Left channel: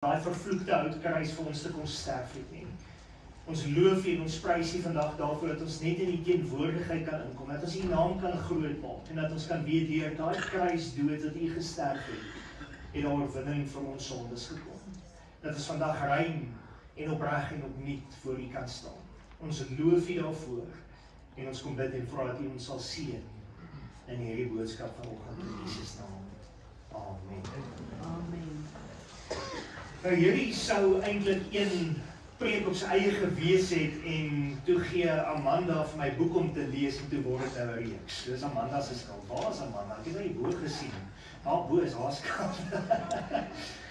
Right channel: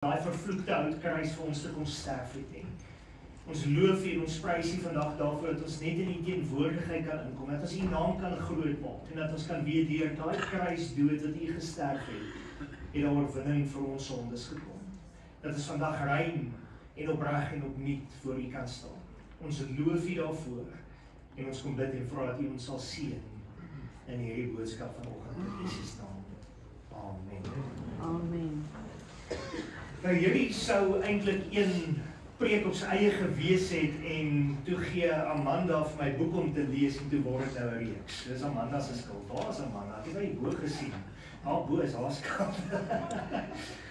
daai vervloekte houtkruis vir ons te kom sterf het nie. Ons loof U en ons prys U vandag daarvoor dat ons net in die teenwoordigheid kan inkom, dat ons U naam kan groot maak en dat ons kan weet deur daai kruisdood wat U gesterf het, en daar oorwinning vir ons sondes gekom. Dat ons vandag rein en opreg en opnuut voor U kan staan. Ons loof U daarvoor en ons kom bid en vra dat U ons sal seën in hierdie boodskap vanoggend in Jesus naam. Amen. Amen. Nou hierdie sou eintlik een preek op sy eie gewees het en toe gee Amanda vir my boek om te lees en toe word dit nou 'n reeks. Dis Amanda se skuld. Waar is Amanda? Ek het hy bo gesien. Haar bo is haar skuld.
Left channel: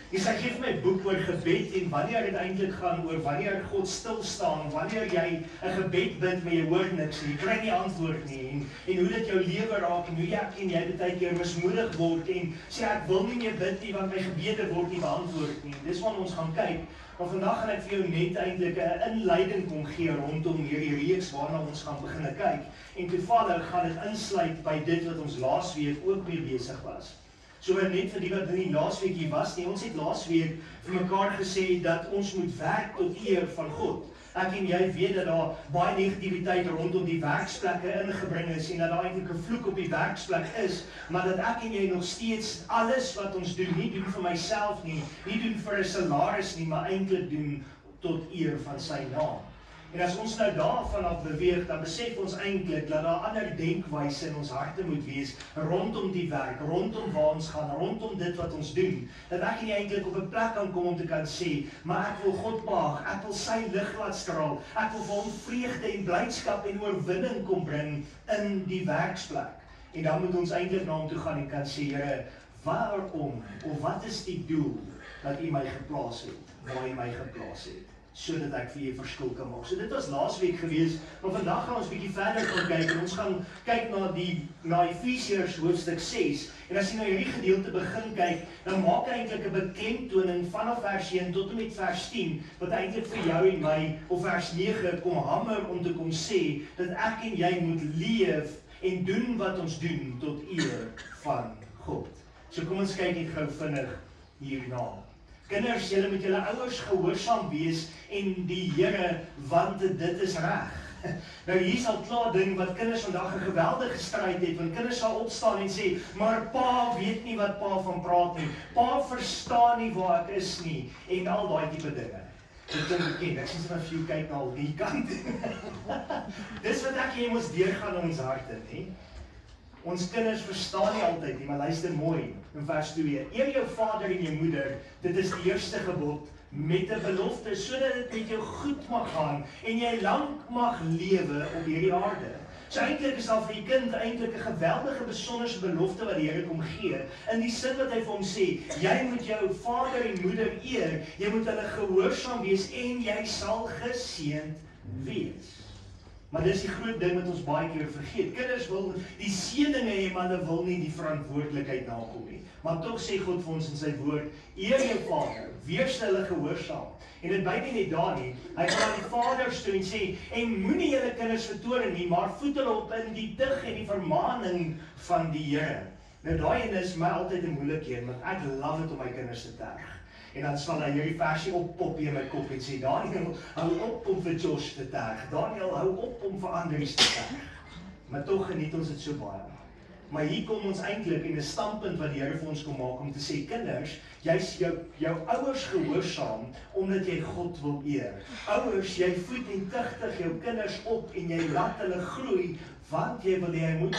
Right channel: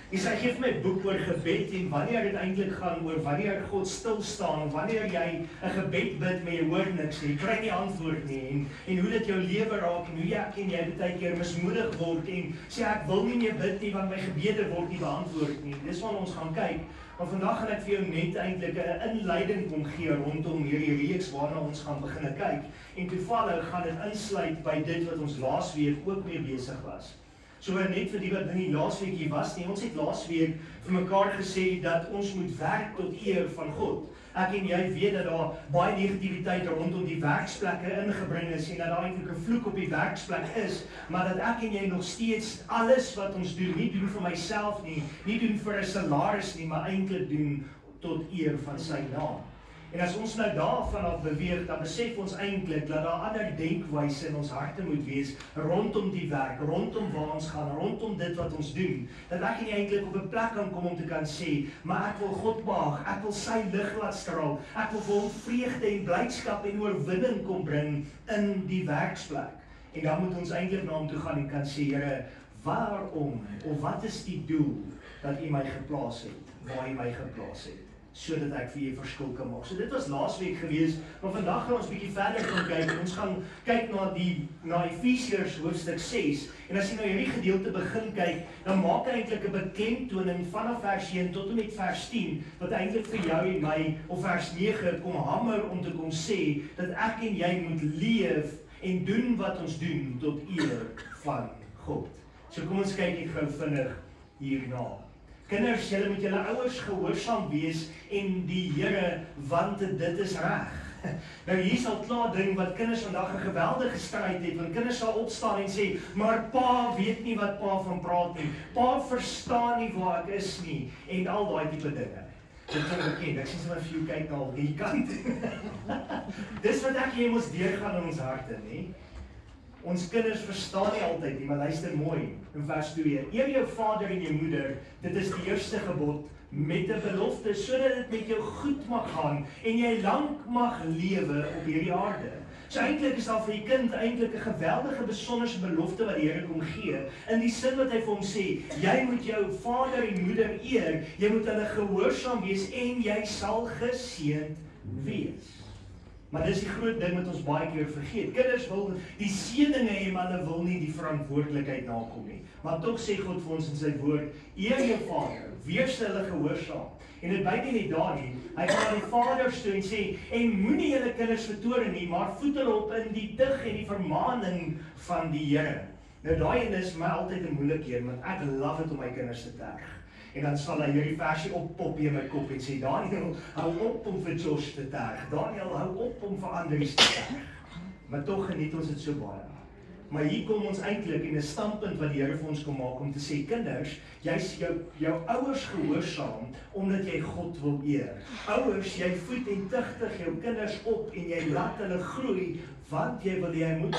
En sy gee vir my boek oor gebed en wanneer dit eintlik gaan oor wanneer God stil staan, wanneer jy 'n gebed bid maar jy hoor niks nie, jy kry nie antwoord nie en hoe dit jou lewe raak en hoe jy baie keer mismoedig word en sê ek wil nie meer bid nie want my gebede word nie beantwoord nie. Dis wat ons gaan kyk. Maar vandag gaan ek vir jou net eintlik 'n inleiding kom gee rondom hierdie reeks waarna ons gaan begin kyk. En toevallig gaan dit insluit by dit wat ons laasweek ook mee besig was. So net vir die wat nie laasweek hier was nie, ons het laasweek vir mekaar gesê dat ons moet werk tot eer van God. Ek en jy weet dat daar baie negativiteit rondom die werksplekke ingebring is en dat daar eintlik 'n vloek op die werksplek is, maar dat ek en jy nog steeds alles wat ons doen, nie doen vir myself nie doen vir 'n salaris nie, maar eintlik doen tot eer van sy naam. En as ons nou daarvan af beweeg, dan besef ons eintlik dat daar ander denkwyse in ons harte moet wees rondom die werk, rondom waar ons gaan, rondom dit wat ons doen. Dat ek en jy eintlik op 'n plek kan kom om te kan sê, maar ek wil God behaag, ek wil sy lig laat straal, ek wil vir hom vreugde en blydskap en oorwinning kom bring in die werksplek. En dan moet ons eintlik na hom toe gaan en kan sê, Here, waarom of wat is die doel dat U my geplaas het, waar U my geplaas het? Sodat ek vir U verskil kan maak. So dit was laasweek gewees, maar vandag gaan ons bietjie verder gaan kyk en ons gaan kyk na Efesiërs hoofstuk 6. En as jy nou hierdie gedeelte begin kyk, dan maak hy eintlik 'n beklemtoning vanaf vers 1 tot en met vers 10, wat eintlik vir jou en my op vers 9 kom hamer om te kom sê dat ek en jy moet leef en doen wat ons doen tot eer van God. So kom ons kyk net gou vinnig hierna. Kinders, julle moet julle ouers gehoorsaam wees en die Here, want dit is reg. Nou hier is al klaar ding wat kinders vandag 'n geweldige stryd het, want kinders sal opstaan en sê, maar pa weet nie wat pa van praat nie, pa verstaan nie waar ek is nie, en al daai tipe dinge. Dit klink bekend, ek sien sommer vir jou kyk na al die kant. Dis wat ek hier moet deurgaan in ons harte, nie? Ons kinders verstaan nie altyd nie, maar luister mooi in vers 2. Eer jou vader en jou moeder, dit is die eerste gebod met 'n belofte, sodat dit met jou goed mag gaan en jy lank mag lewe op hierdie aarde. So eintlik is daar vir die kind eintlik 'n geweldige besonderse belofte wat die Here kom gee, in die sin wat hy vir hom sê, jy moet jou vader en moeder eer, jy moet hulle gehoorsaam wees en jy sal geseënd wees. Maar dis die groot ding wat ons baie keer vergeet. Kinders wil die seëninge hê, maar hulle wil nie die verantwoordelikheid nakom nie. Maar tog sê God vir ons in sy woord, eer jou vader, wees hulle gehoorsaam. En dit bly nie net daar nie. Hy gaan aan die vaders toe en sê, en moenie julle kinders vertoorn nie, maar voed hulle op in die dig en die vermaaning van die Here. Nou daai een is my altyd 'n moeilike een, want ek love dit om my kinders te terg. En dan sal hy hierdie versie oppop in my kop en sê, Daniel, hou op om vir Josh te terg. Daniel, hou op om vir Andries te terg. Maar tog geniet ons dit so baie. Maar hier kom ons eintlik in 'n standpunt wat die Here vir ons kom maak om te sê, kinders, jy's jou ouers gehoorsaam omdat jy God wil eer. Ouers, jy voed en tigtig jou kinders op en jy laat hulle groei, want jy moet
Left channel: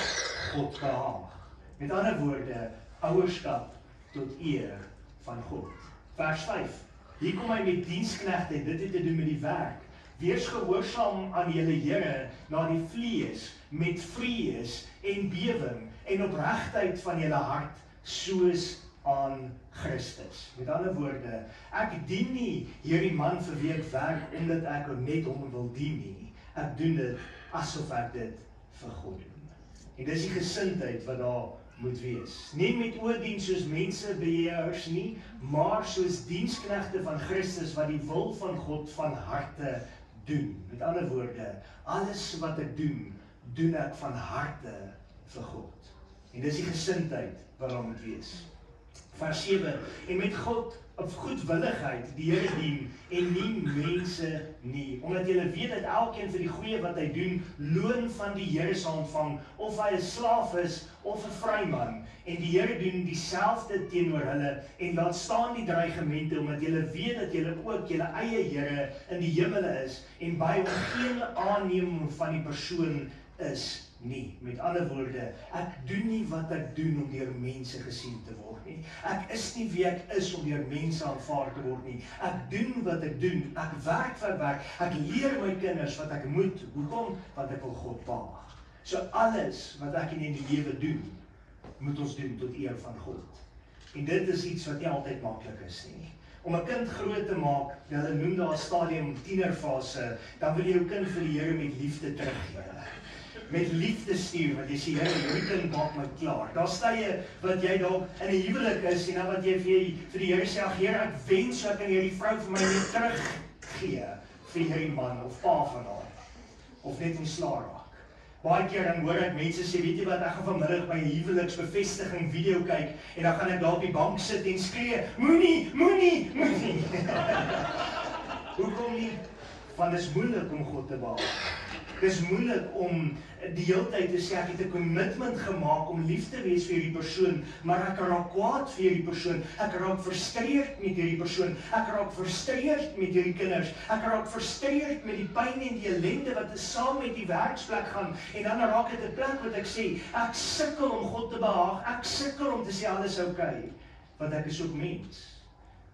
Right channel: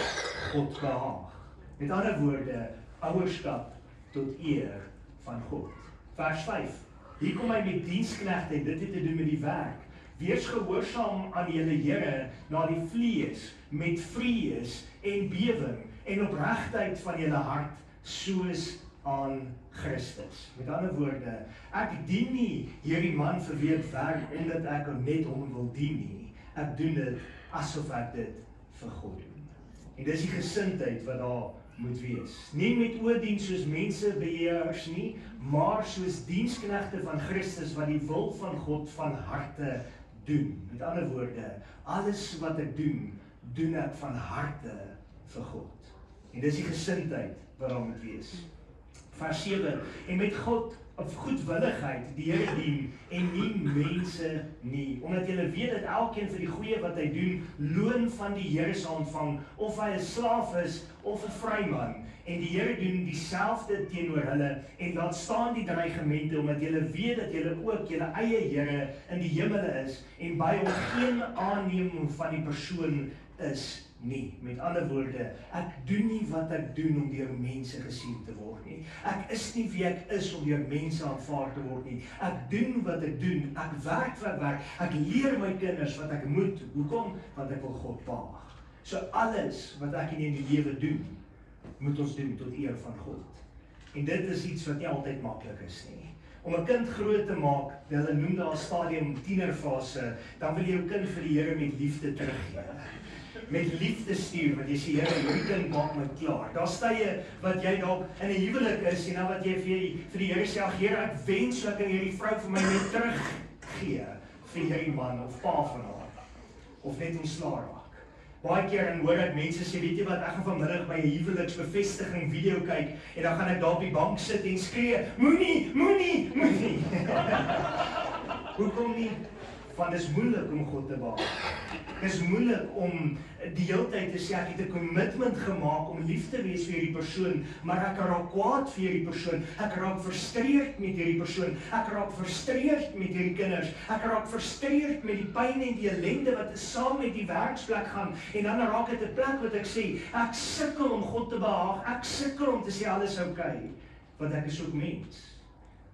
God behaag. Met ander woorde, ouerskap tot eer van God. Vers 5. Hier kom hy met diensknegte en dit het te doen met die werk. Wees gehoorsaam aan julle Here na die vlees met vrees en bewering en opregtheid van julle hart soos aan Christus. Met ander woorde, ek dien nie hierdie man vir wie ek werk omdat ek net hom wil dien nie. Ek doen dit asof ek dit vir God doen. En dis die gesindheid wat daar moet wees. Nie met oordien soos mensebeheerders nie, maar soos diensknegte van Christus wat die wil van God van harte doen. Met ander woorde, alles wat ek doen ek van harte vir God. En dis die gesindheid wat daar moet wees. Vers 7, en met God of goedwilligheid die Here dien en nie mense nie. Omdat julle weet dat elkeen vir die goeie wat hy doen, loon van die Here sal ontvang, of hy 'n slaaf is of 'n vryman. En die Here doen dieselfde teenoor hulle en laat staan die dreigemente, omdat julle weet dat julle ook julle eie Here in die hemele is en by hom geen aanneming van die persoon is nie. Met ander woorde, ek doen nie wat ek doen om deur mense gesien te word nie. Ek is nie wie ek is om deur mense aanvaar te word nie. Ek doen wat ek doen. Ek werk vir werk. Ek leer my kinders wat ek moet. Hoekom? Want ek wil God behaag. So alles wat ek in die lewe doen, moet ons doen tot eer van God. En dit is iets wat nie altyd maklik is nie. Om 'n kind groot te maak, hulle noem daar 'n stadium tienerfase, dan wil jy jou kind vir die Here met liefde teruggee. Met liefde stuur, want jy sê, Here, hierdie kind maak my klaar. Daar's tye wat jy dalk in 'n huwelik is en dan wat jy vir die Here sê, ag Here, ek wens ek kan hierdie vrou vir my net teruggee vir hierdie man of pa van haar, of net ontslaa raak. Baie keer dan hoor ek mense sê, weet jy wat, ek gaan vanmiddag my huweliksbevestiging video kyk en dan gaan ek daar op die bank sit en skree, moenie. Hoekom nie? Want dit is moeilik om God te behaag. Dit is moeilik om die hele tyd te sê, ek het 'n commitment gemaak om lief te wees vir hierdie persoon, maar ek raak kwaad vir hierdie persoon, ek raak frustreerd met hierdie persoon, ek raak frustreerd met hierdie kinders, ek raak frustreerd met die pyn en die ellende wat saam met die werksplek gaan, en dan raak dit 'n plek wat ek sê, ek sukkel om God te behaag, ek sukkel om te sê alles is okay, want ek is ook mens.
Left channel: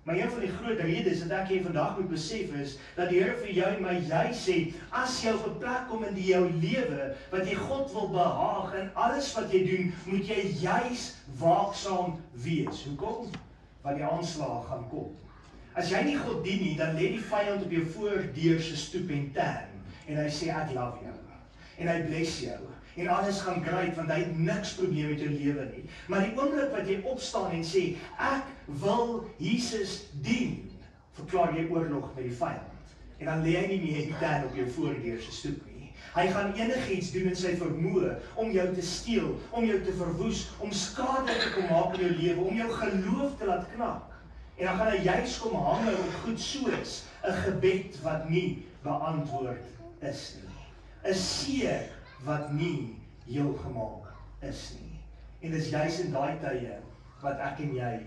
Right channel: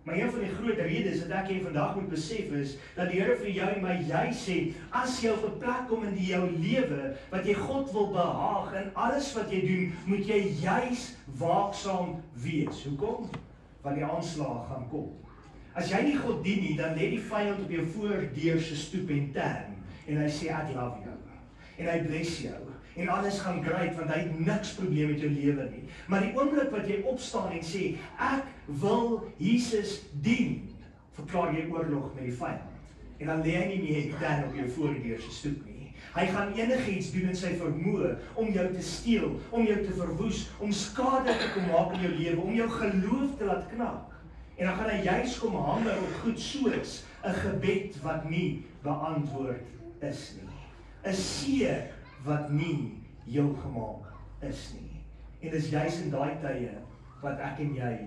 Maar een van die groot redes wat ek hier vandag moet besef is, dat die Here vir jou en my jy sê, as jy op 'n plek kom in jou lewe, wat jy God wil behaag, en alles wat jy doen, moet jy juis waaksaam wees. Hoekom? Want die aanslag gaan kom. As jy nie God dien nie, dan lê die vyand op jou voordeur se stoep en hy sê, ek love jou, en hy bless jou, en alles gaan great, want hy het niks probleem met jou lewe nie. Maar die oomblik wat jy opstaan en sê, ek wil Jesus dien, verklaar jy oorlog met die vyand. En dan lê hy nie meer die tent op jou voordeur se stoep nie. Hy gaan enigiets doen in sy vermoë om jou te steel, om jou te verwoes, om skade te kom maak in jou lewe, om jou geloof te laat knak. En dan gaan hy juis kom hamer op goed soos 'n gebed wat nie beantwoord is nie. 'n seer wat nie heel gemaak is nie. En dis juis in daai tye wat ek en jy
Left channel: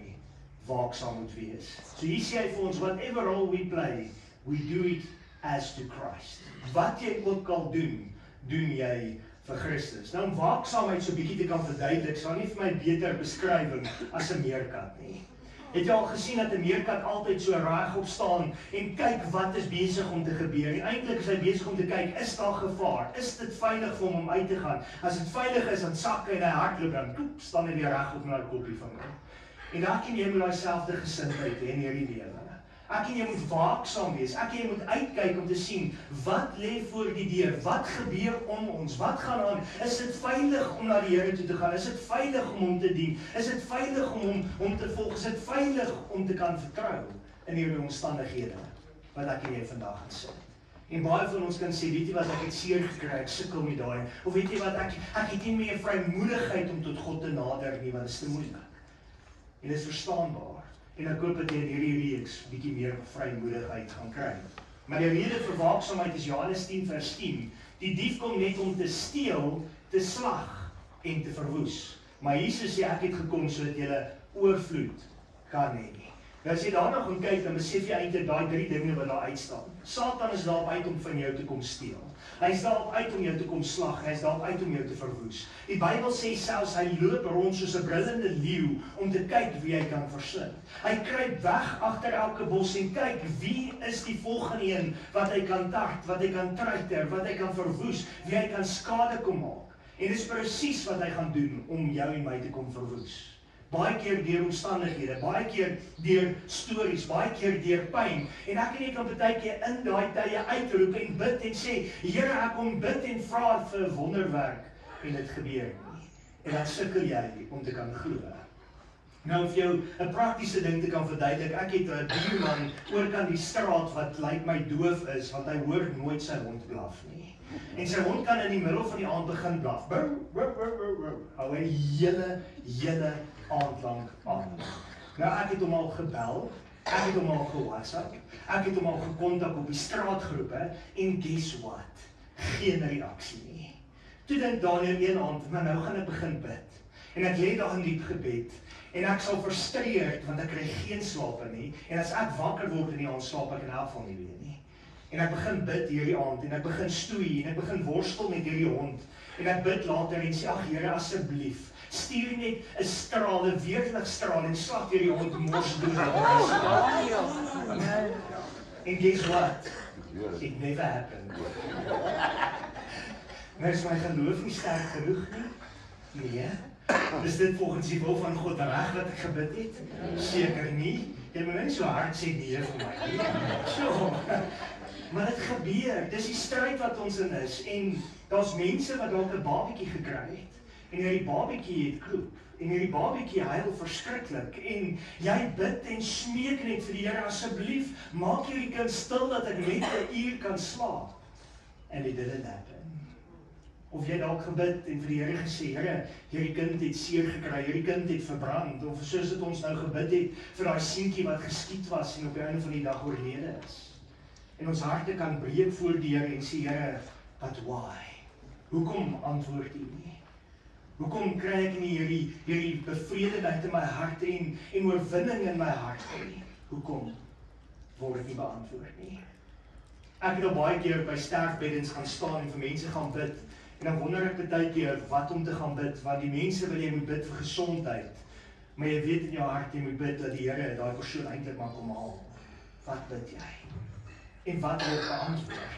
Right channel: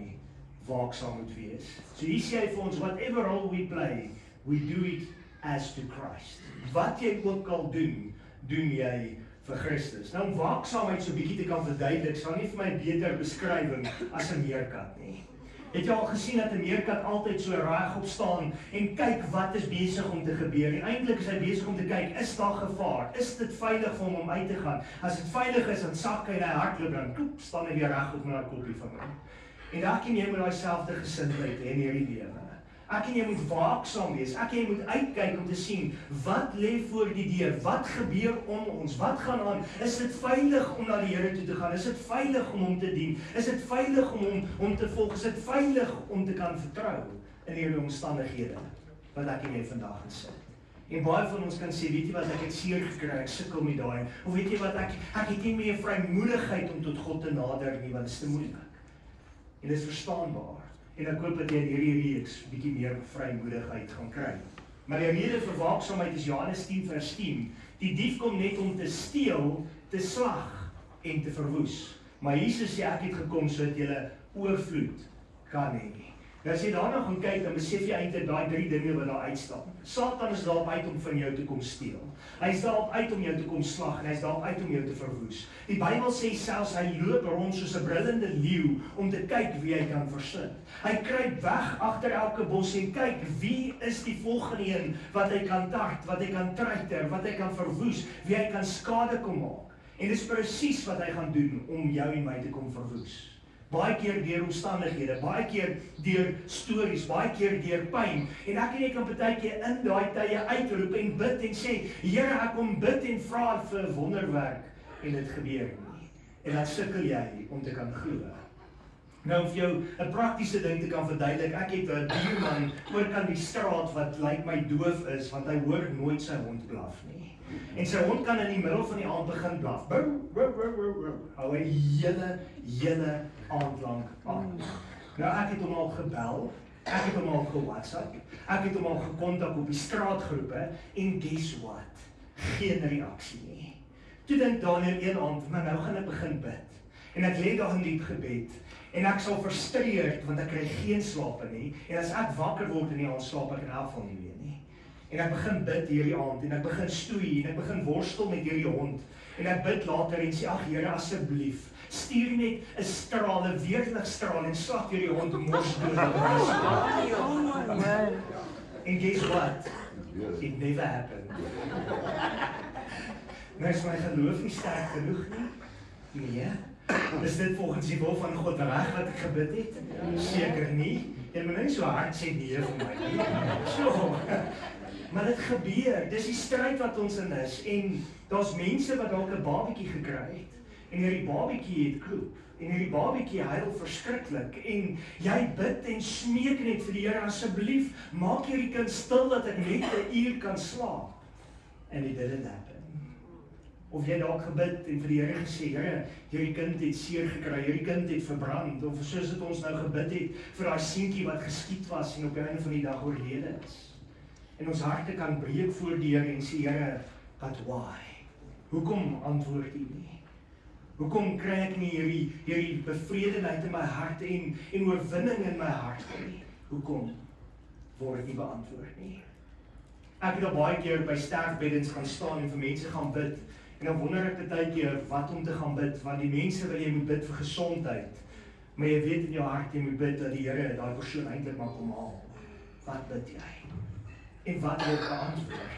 waaksaam moet wees. So hier sê hy vir ons, whatever role we play, we do it as to Christ. Wat jy ook al doen, doen jy vir Christus. Nou om waaksaamheid so 'n bietjie te kan verduidelik, sal nie vir my beter beskrywing as 'n meerkat nie. Het jy al gesien dat 'n meerkat altyd so regop staan en kyk wat is besig om te gebeur? Eintlik is hy besig om te kyk, is daar gevaar? Is dit veilig vir hom om uit te gaan? As dit veilig is, dan sak hy en hy hardloop dan, toep, staan hy weer regop met daai koppie van hom. En ek en jy moet daai selfde gesindheid hê in hierdie lewe. Ek en jy moet waaksaam wees. Ek en jy moet uitkyk om te sien, wat lê voor die deur? Wat gebeur om ons? Wat gaan aan? Is dit veilig om na die Here toe te gaan? Is dit veilig om hom te dien? Is dit veilig om hom te volg? Is dit veilig om te kan vertrou in hierdie omstandighede wat ek en jy vandag gaan sit? En baie van ons kan sê, weet jy wat, ek het seer gekry, ek sukkel met daai. Of weet jy wat, ek het nie meer vrymoedigheid om tot God te nader nie, want dit is te moeilik. En dit is verstaanbaar. En ek hoop dat jy in hierdie reeks bietjie meer vrymoedigheid gaan kry. Maar die rede vir waaksaamheid is Johannes 10:10. Die dief kom net om te steel, te slag en te verwoes. Maar Jesus sê, ek het gekom sodat jy oorvloed kan hê. Nou as jy daarna gaan kyk, dan besef jy eintlik daai 3 dinge wat daar uitstaan. Satan is daarop uit om van jou te kom steel. Hy is daarop uit om jou te kom slag en hy is daarop uit om jou te verwoes. Die Bybel sê selfs hy loop rond soos 'n brullende leeu om te kyk wie hy kan verslind. Hy kruip weg agter elke bos en kyk wie is die volgende een wat hy kan tart, wat hy kan treiter, wat hy kan verwoes, wie hy kan skade kom maak. En dit is presies wat hy gaan doen om jou en my te kom verwoes. Baie keer deur omstandighede, baie keer deur stories, baie keer deur pyn. En ek en jy kan baie keer in daai tye uitroep en bid en sê, Here, ek kom bid en vra vir 'n wonderwerk en dit gebeur nie. En dan sukkel jy om te kan glo. Nou om vir jou 'n praktiese ding te kan verduidelik, ek het 'n buurman oorkant die straat wat lyk my doof is, want hy hoor nooit sy hond blaf nie. En sy hond kan in die middel van die aand begin blaf. Hou hy hele aand lank aan. Nou ek het hom al gebel Ek het hom al ge-WhatsApp, ek het hom al gekontak op die straatgroepe, en guess what? Geen reaksie nie. Toe dink Daniel een aand, maar nou gaan ek begin bid. En ek lê daar in diep gebed, en ek sal frustreerd, want ek kry geen slaap nie, en as ek wakker word in die aand, slaap ek in elk geval nie weer nie. En ek begin bid hierdie aand, en ek begin stoei, en ek begin worstel met hierdie hond, en ek bid later en sê, ag Here, asseblief, stuur net 'n straal, 'n weerligstraal, en slag hierdie hond mors dood. En guess what? It never happened. Nou is my geloof nie sterk genoeg nie? Nee. Is dit volgens die wil van God reg wat ek gebid het? Seker nie. Jy moet nou nie so hard sê nee vir my nie. So, maar dit gebeur, dis die stryd wat ons in is, en daar's mense wat dalk 'n babatjie gekry het, en hierdie babatjie het kloep, en hierdie babatjie huil verskriklik, en jy bid en smeek net vir die Here, asseblief, maak hierdie kind stil dat ek net 'n uur kan slaap. And it didn't happen. Of jy dalk gebid en vir die Here gesê, Here, hierdie kind het seer gekry, hierdie kind het verbrand, of soos dit ons nou gebid het, vir daai seentjie wat geskiet was, en op die einde van die dag oorlede is. En ons harte kan breek voor die Here en sê, Here, but why? Hoekom antwoord U nie? Hoekom kry ek nie hierdie bevredenheid in my hart en oorwinning in my hart nie? Hoekom word nie beantwoord nie? Ek het al baie keer by sterfbeddens gaan staan en vir mense gaan bid, en dan wonder ek baie keer wat om te gaan bid, want die mense wil jy moet bid vir gesondheid, maar jy weet in jou hart jy moet bid dat die Here daai persoon eintlik maar kom haal. Wat bid jy? En wat word beantwoord?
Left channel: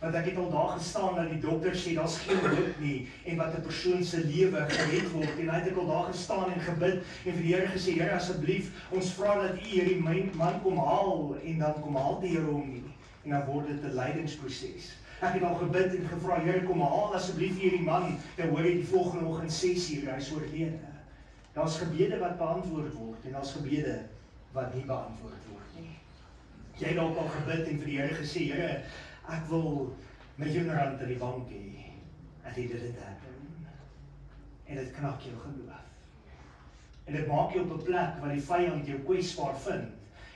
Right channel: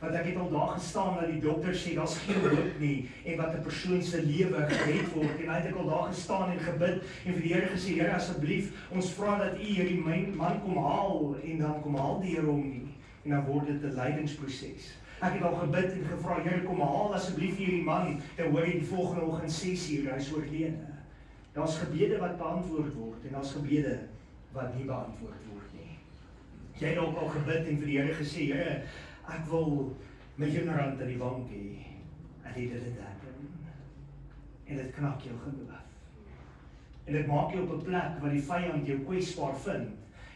Want ek het al daar gestaan dat die dokter sê, daar's geen hoop nie, en wat 'n persoon se lewe gered word, en hy het al daar gestaan en gebid, en vir die Here gesê, Here, asseblief, ons vra dat U hierdie man kom haal, en dan kom haal die Here hom nie, en dan word dit 'n lydingsproses. Ek het al gebid en gevra, Here, kom haal asseblief hierdie man, dan hoor jy die volgende oggend 6:00, hy is oorlede. Daar's gebede wat beantwoord word, en daar's gebede wat nie beantwoord word nie. Jy het ook al gebid en vir die Here gesê, Here, ek wil my R1 in die bank hê, en dit het happen. En dit knak jou geloof. En dit maak jou op 'n plek waar die vyand jou kwesbaar vind.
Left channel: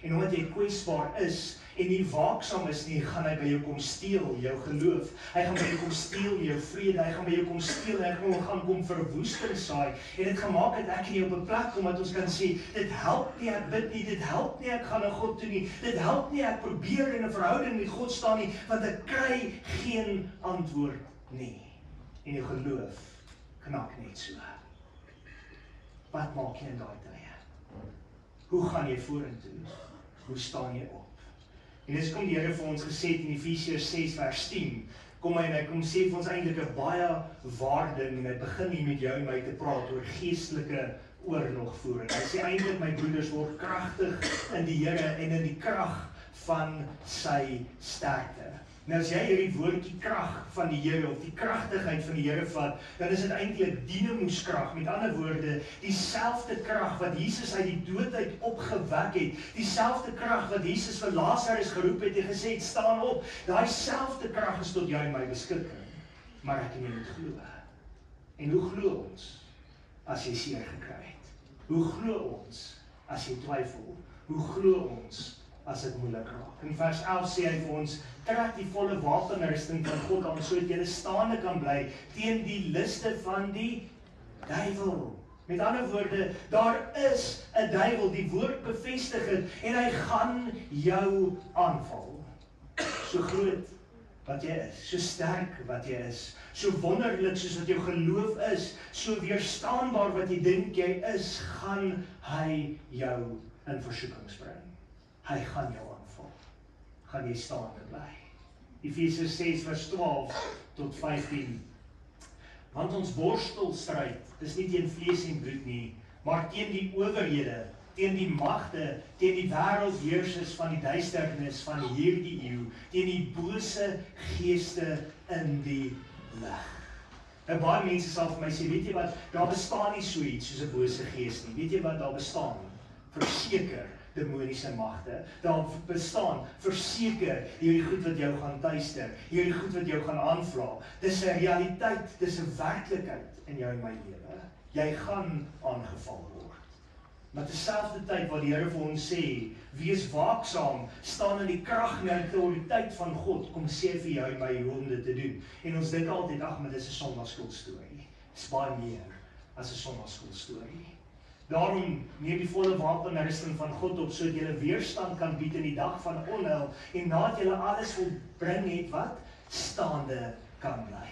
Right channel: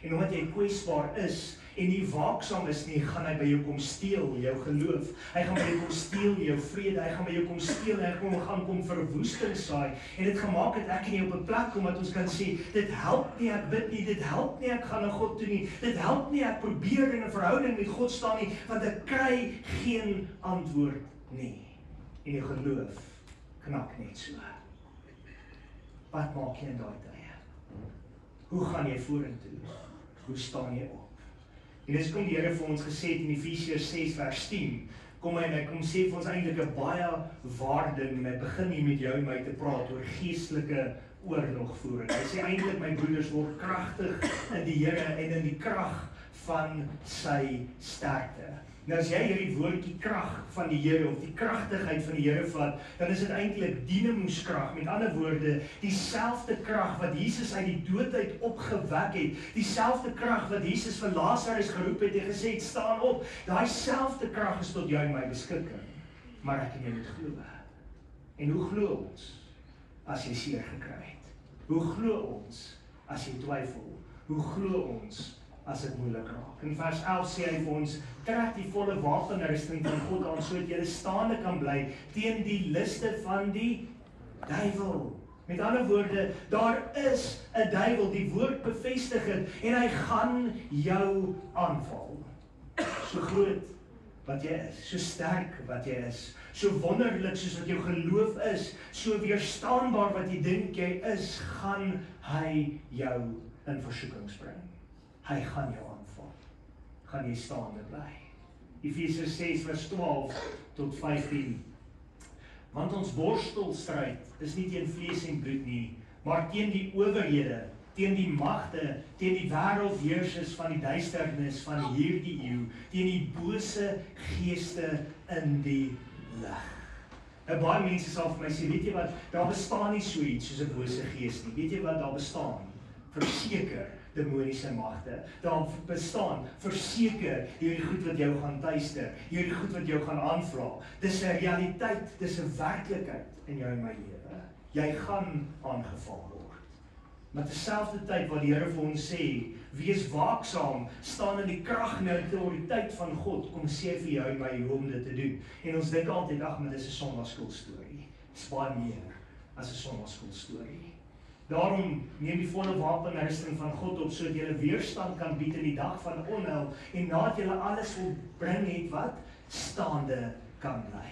En omdat jy kwesbaar is, en nie waaksaam is nie, gaan hy by jou kom steel jou geloof. Hy gaan by jou kom steel jou vrede, hy gaan by jou kom steel, en hy gaan kom verwoesting saai. En dit gemaak het ek en jy op 'n plek kom, wat ons kan sê, dit help nie ek bid nie, dit help nie ek gaan na God toe nie, dit help nie ek probeer in 'n verhouding met God staan nie, want ek kry geen antwoord nie. En jou geloof knak net so. Wat maak jy in daai tye? Hoe gaan jy vorentoe? Hoe staan jy op? En dis kom die Here vir ons gesê in Efesiërs 6 vers 10, kom hy en hy kom sê vir ons eintlik 'n baie waarde, en hy begin hier met jou en my te praat oor geestelike oorlogvoering. Hy sê eintlik, my broeders, word kragtig in die Here en in die krag van sy sterkte. Nou as jy hierdie woordjie krag van die Here, of die kragtigheid van die Here vat, dan is dit eintlik dinamoeskrag. Met ander woorde, dieselfde krag wat Jesus uit die dood uit opgewek het, dieselfde krag wat Jesus vir Lazarus geroep het en gesê het, staan op, daai selfde krag is tot jou en my beskikking. Maar ek en jy moet glo. En hoe glo ons as jy seer gekry het? Hoe glo ons as jy twyfel? Hoe glo ons as dit moeilik raak? In vers 11 sê hy vir ons, trek die volle wapenrusting van God aan, sodat jy staande kan bly teen die liste van die duiwel. Met ander woorde, daar is 'n duiwel, die woord bevestig het, en hy gaan jou aanval. So groot wat jy is, so sterk wat jy is, so wonderlik soos wat jou geloof is, so weerstaanbaar wat jy dink jy is, gaan hy jou in versoekings bring. Hy gaan jou aanval. Gaan jy staande bly. Efesiërs 6 vers 12 tot 15. Want ons worstelstryd is nie teen vlees en bloed nie, maar teen die owerhede, teen die magte, teen die wêreldheersers van die duisternis van hierdie eeu, teen die bose geeste in die lig. Nou baie mense sal vir my sê, weet jy wat, daar bestaan nie so iets soos 'n bose gees nie. Weet jy wat daar bestaan? Verseker demoniese magte. Daar bestaan verseker hierdie goed wat jou gaan tuister, hierdie goed wat jou gaan aanvra. Dis 'n realiteit, dis 'n werklikheid in jou en my lewe. Jy gaan aangeval word. Maar terselfdertyd wat die Here vir ons sê, wees waaksaam, staan in die krag en die autoriteit van God, kom sê vir jou by hoe om dit te doen. En ons dink altyd, ag, maar dis 'n sondagsskoolstorie. Dis baie meer as 'n sondagsskoolstorie. Daarom neem die volle wapenrusting van God op, sodat jy weerstand kan bied in die dag van onheil, en nadat jy alles volbring het, wat? Staande kan bly.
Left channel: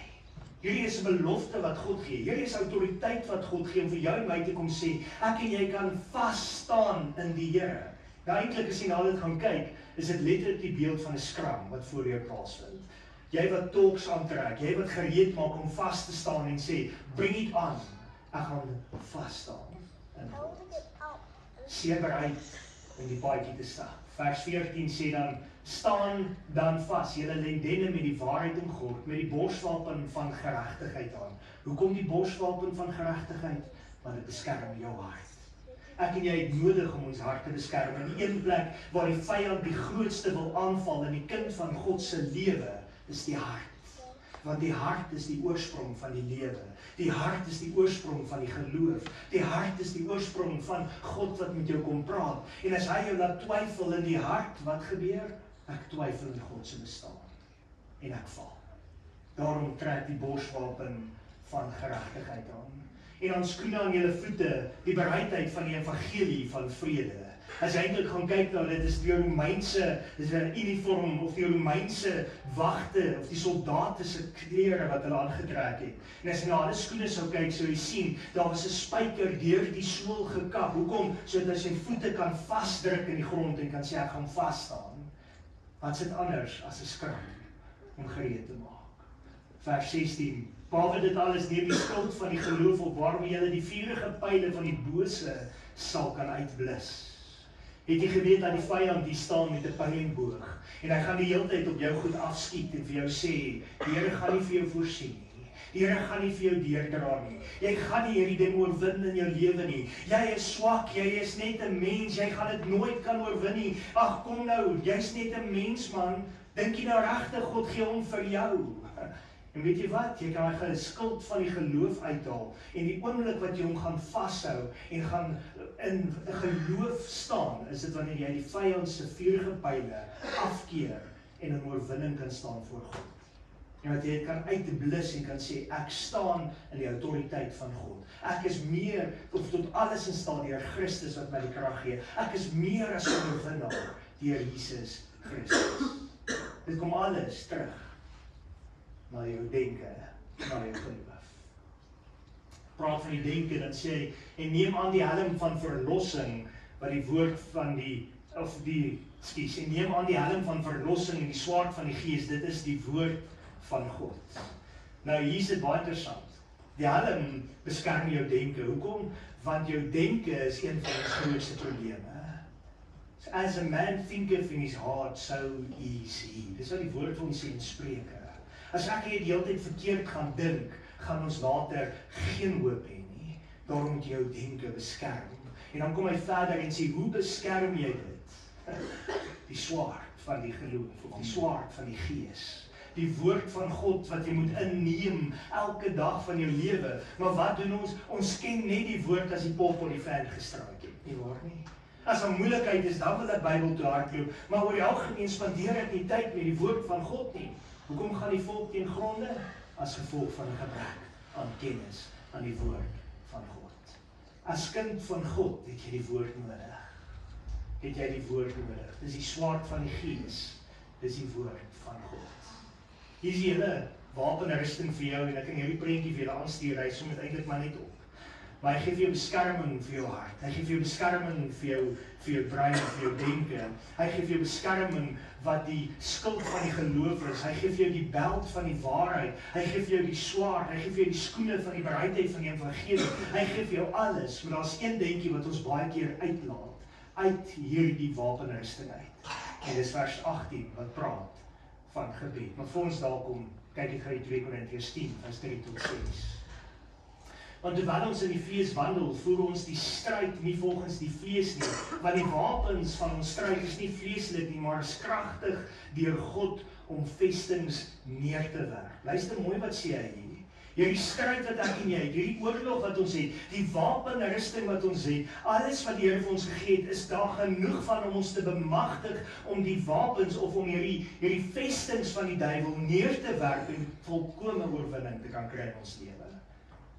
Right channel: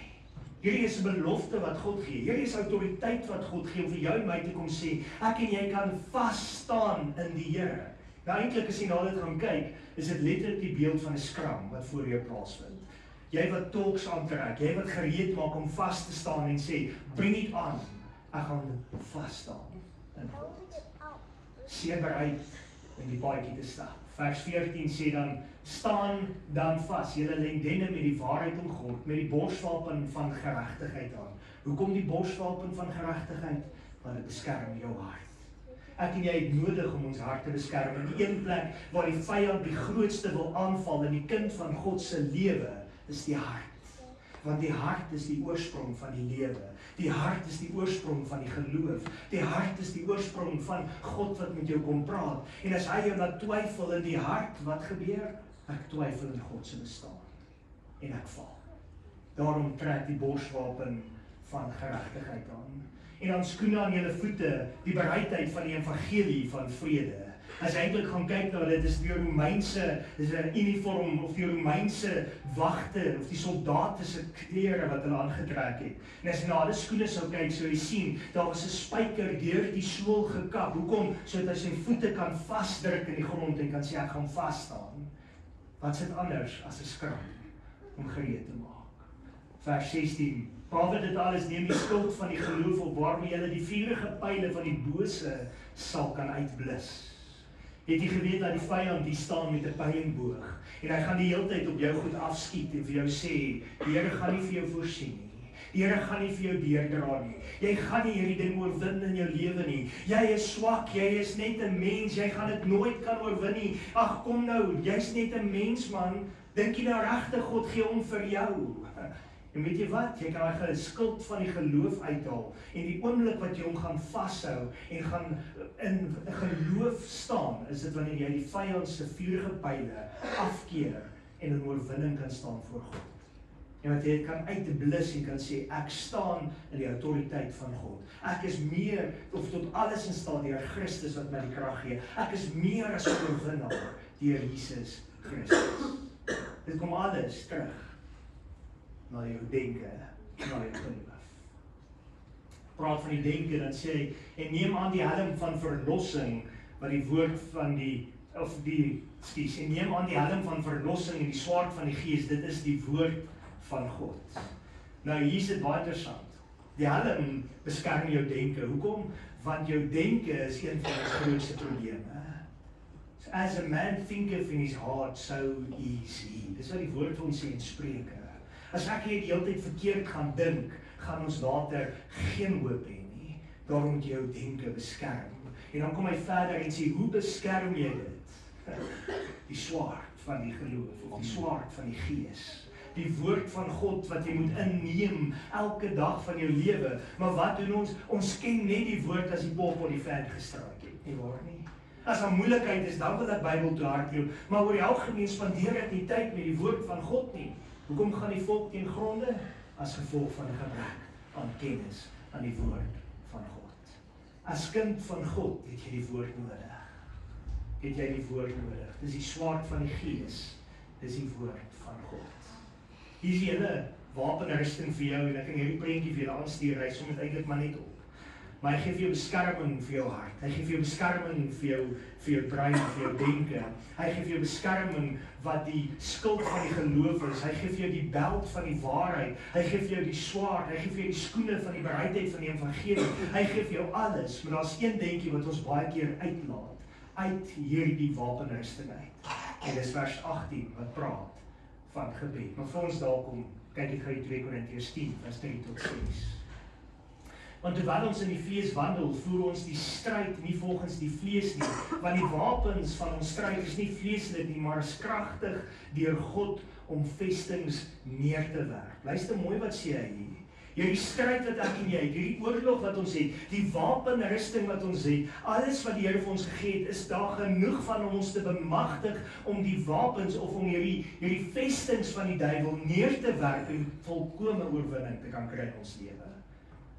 Hierdie is 'n belofte wat God gee. Hierdie is autoriteit wat God gee om vir jou en my te kom sê, ek en jy kan vas staan in die Here. Nou eintlik as jy na dit gaan kyk, is dit letterlik die beeld van 'n skram wat voor jou plaasvind. Jy wat talks aantrek, jy wat gereed maak om vas te staan en sê, bring it on, ek gaan vas staan in God. Seer bereid in die paadjie te stap. Vers 14 sê dan, staan dan vas, julle lendene met die waarheid omgord, met die borswapen van geregtigheid aan. Hoekom die borswapen van geregtigheid? Want dit beskerm jou hart. Ek en jy het nodig om ons hart te beskerm. In die een plek waar die vyand die grootste wil aanval in die kind van God se lewe, is die hart. Want die hart is die oorsprong van die lewe. Die hart is die oorsprong van die geloof. Die hart is die oorsprong van God wat met jou kom praat. En as hy jou laat twyfel in die hart, wat gebeur? Ek twyfel in God se bestaan. En ek val. Daarom trek die borswapen van geregtigheid aan. En dan skoene aan julle voete, die bereidheid van die evangelie van vrede. As jy eintlik gaan kyk na dit, is die Romeinse, is 'n uniform, of die Romeinse wagte, of die soldate se klere wat hulle aangetrek het. En as jy na hulle skoene sou kyk, sou jy sien, daar was 'n spyker deur die sool gekap. Hoekom? Sodat hy sy voete kan vasdruk in die grond en kan sê, ek gaan vas staan. Wat's dit anders as 'n skram om gereed te maak? Vers 16. Behalwe dit alles neem die skild van die geloof op, waarmee julle die vurige pyle van die bose sal kan uitblus. Het jy geweet dat die vyand die staan met 'n pylenboog en hy gaan die hele tyd op jou goed afskiet en vir jou sê, die Here gaan nie vir jou voorsien nie. Die Here gaan nie vir jou deurdra nie. Jy gaan nie hierdie ding oorwin in jou lewe nie. Jy is swak, jy is net 'n mens, jy gaan dit nooit kan oorwin nie. Ag kom nou, jy's net 'n mens man. Dink jy nou regtig God gee hom vir jou? En weet jy wat? Jy kan daai skild van die geloof uithaal en die oomblik wat jy hom gaan vashou en gaan in geloof staan, is dit wanneer jy die vyand se vurige pyle afkeer en in oorwinning kan staan voor God. En wat jy kan uitblus en kan sê, ek staan in die autoriteit van God. Ek is meer, of tot alles in staat deur Christus wat my die krag gee. Ek is meer as 'n oorwinnaar deur Jesus Christus. Dit kom alles terug na jou denke, na jou geloof. Praat van die denke, dan sê hy, en neem aan die helm van verlossing, wat die woord van en neem aan die helm van verlossing en die swaard van die Gees, dit is die woord van God. Nou hier is dit baie interessant. Die helm beskerm jou denke. Hoekom? Want jou denke is een van die grootste probleme. So, as a man thinketh in his heart, so is he. Dis wat die woord vir ons sê in Spreuke. As ek die hele tyd verkeerd gaan dink, gaan ons later geen hoop hê nie. Daarom moet jy jou denke beskerm. En dan kom hy verder en sê, hoe beskerm jy dit? Die swaard van die geloof, of die swaard van die Gees. Die woord van God wat jy moet inneem elke dag van jou lewe. Maar wat doen ons? Ons ken net die woord as die pop op die veld gestruik het. Nie waar nie? As daar moeilikheid is, dan wil ek Bybel toe hardloop. Maar oor die algemeen spandeer ek nie tyd met die woord van God nie. Hoekom gaan die volk teen gronde? As gevolg van 'n gebrek aan kennis aan die woord van God. As kind van God het jy die woord nodig. Het jy die woord nodig. Dis die swaard van die Gees. Dis die woord van God. Hier is die hele wapenrusting vir jou en ek kan hierdie prentjie vir julle aanstuur. Hy som dit eintlik maar net op. Maar hy gee vir jou beskerming vir jou hart. Hy gee vir jou beskerming vir jou brein, vir jou denke. Hy gee vir jou beskerming wat die skild van die geloof is. Hy gee vir jou die beld van die waarheid. Hy gee vir jou die swaard. Hy gee vir jou die skoene van die bereidheid van die evangelie. Hy gee vir jou alles. Maar daar's een dingetjie wat ons baie keer uitlaat uit hierdie wapenrusting uit. En dis vers 18 wat praat van gebed. Maar voor ons daar kom, kyk ek gou 2 Korintiërs 10 vers 3 tot 6. Want terwyl ons in die vlees wandel, voer ons die stryd nie volgens die vlees nie, want die wapens van ons stryd is nie vleeslik nie, maar is kragtig deur God om vestings neer te werp. Luister mooi wat sê hy hier. hierdie stryd wat ek en jy het, hierdie oorlog wat ons het, die wapenrusting wat ons het, alles wat die Here vir ons gegee het, is daar genoeg van om ons te bemagtig om die wapens of om hierdie vestings van die duiwel neer te werk en volkome oorwinning te kan kry in ons lewe.